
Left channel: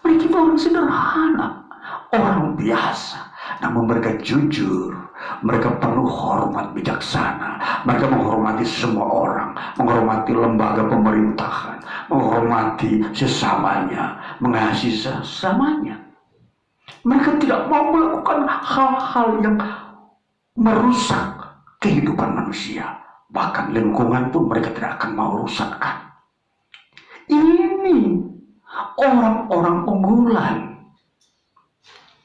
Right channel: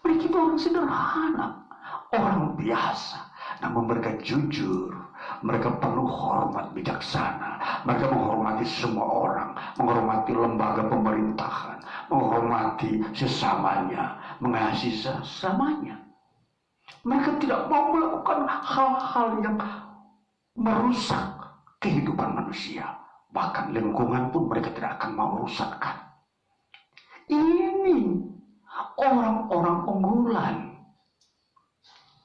Mereka itu orang sederhana, orang biasa. Namun mereka jujur, mereka penuh hormat bijaksana, mereka menghormati semua orang, menghormati lembaga pemerintahan, menghormati sesamanya, mengasihi sesamanya. Mereka tidak mau melakukan hal-hal yang merusak kehidupan manusia. Bahkan lingkungan pun mereka tidak akan mau rusakkan. Ini orang-orang unggulan.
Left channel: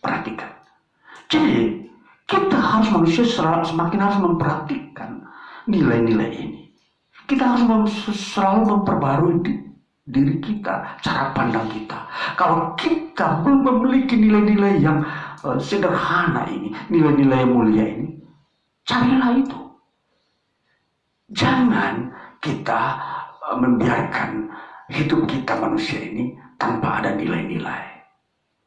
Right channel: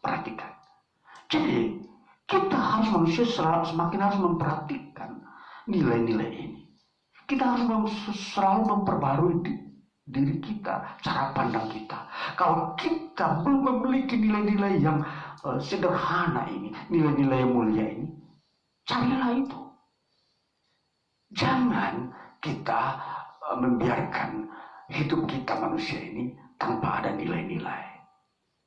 Perhatikan. Jadi kita manusia semakin harus memperhatikan nilai-nilai ini. Kita harus selalu memperbarui diri kita, cara pandang kita. Kalau kita belum memiliki nilai-nilai yang sederhana ini, nilai-nilai yang mulia ini, carilah itu. Jangan kita membiarkan hidup kita manusia ini tanpa ada nilai-nilai.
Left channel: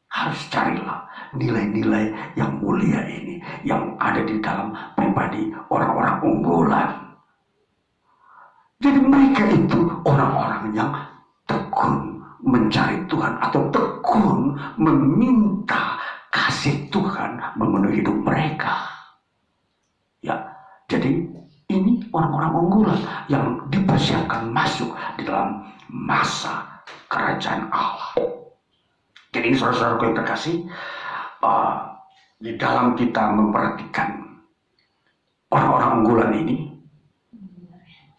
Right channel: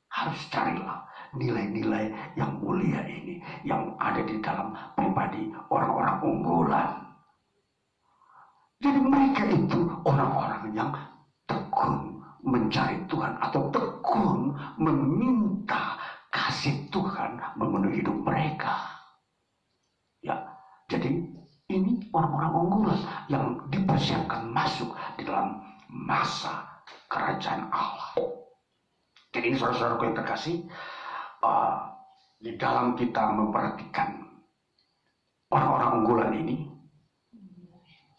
Harus carilah nilai-nilai yang mulia ini yang ada di dalam pribadi orang-orang unggulan. Jadi mereka itu orang-orang yang tekun mencari Tuhan atau tekun meminta kasih Tuhan memenuhi hidup mereka. Ya, jadi ini orang-orang unggulan yang dipersiapkan masuk di dalam masa kerajaan Allah. Jadi ini saudara-saudara yang terkasih, di dalam kita memperhatikan orang-orang unggulan ini,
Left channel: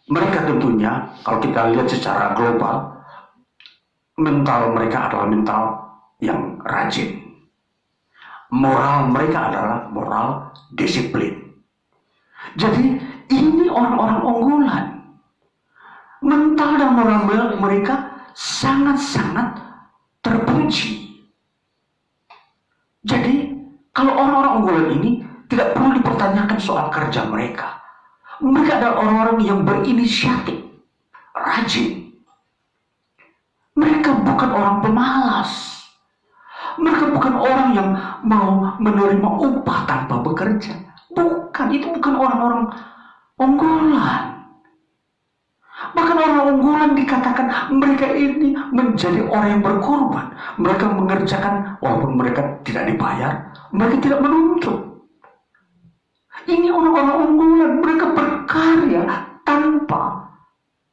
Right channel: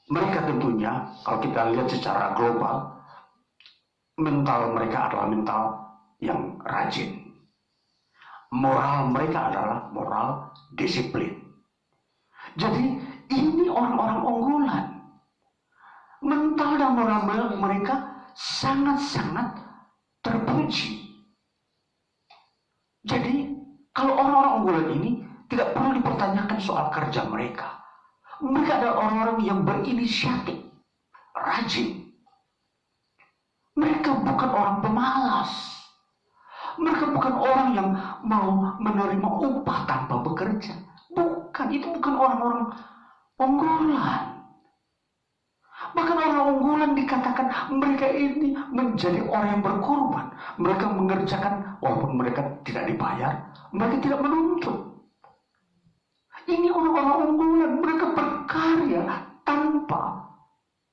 mereka tentunya kalau kita lihat secara global, mental mereka adalah mental yang rajin. Moral mereka adalah moral disiplin. Jadi ini orang-orang unggulan. Mental dan moral mereka sangat-sangat terpuji. Jadi kalau orang-orang unggulan ini tidak perlu dipertanyakan soal kerja mereka. Mereka adalah orang-orang yang berinisiatif, rajin. Mereka bukan orang pemalas. Mereka bukan orang yang mau menerima upah tanpa bekerja. Bukan, itu bukan orang-orang unggulan. Bahkan orang unggulan dikatakan mereka ini menjadi orang yang berkorban. Mereka mengerjakan walaupun mereka tidak dibayar, mereka tidak menuntut. Ini orang-orang unggulan, mereka berkarya tanpa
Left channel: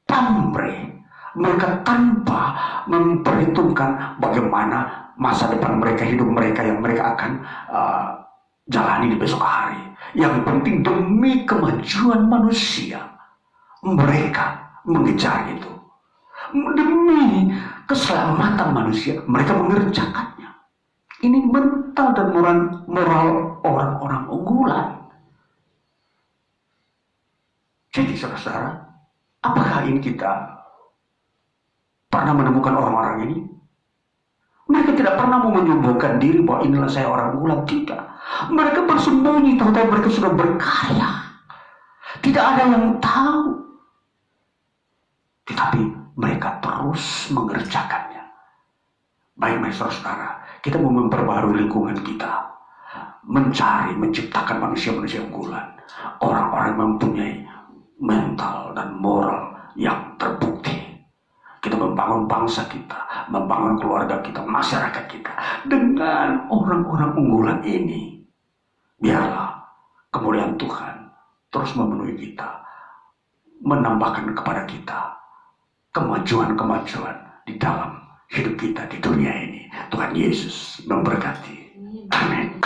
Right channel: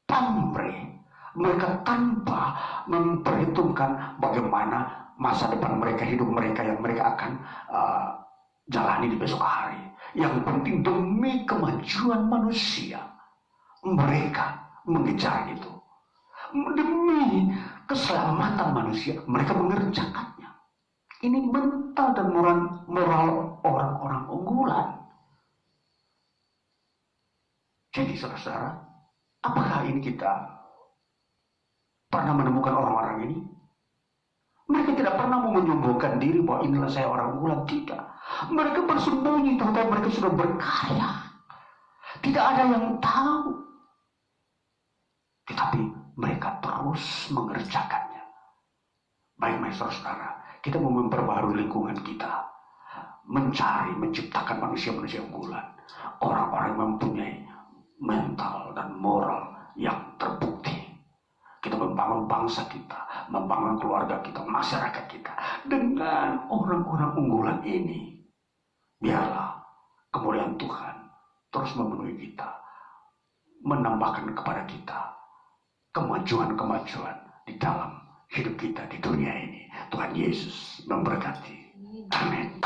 pamrih. Mereka tanpa memperhitungkan bagaimana masa depan mereka, hidup mereka yang mereka akan jalani di besok hari. Yang penting demi kemajuan manusia, mereka mengejar itu. Demi keselamatan manusia, mereka mengerjakannya. Ini mental dan moral orang-orang unggulan. Jadi saudara-saudara, apakah ini kita pernah menemukan orang-orang ini? Mereka tidak pernah mau menyombongkan diri bahwa inilah saya orang unggulan. Tidak. Mereka bersembunyi, tahu-tahu mereka sudah berkarya. Tidak ada yang tahu. Tetapi mereka terus mengerjakannya. Baik, saudara, kita mau memperbarui lingkungan kita. Mencari, menciptakan manusia-manusia unggulan. Orang-orang yang mempunyai mental dan moral yang terbukti. Kita membangun bangsa kita, membangun keluarga kita, masyarakat kita dengan orang-orang unggulan ini. Biarlah kemuliaan Tuhan terus memenuhi kita, menambahkan kepada kita kemajuan-kemajuan di dalam hidup kita di dunia ini. Tuhan Yesus memberkati. Amin.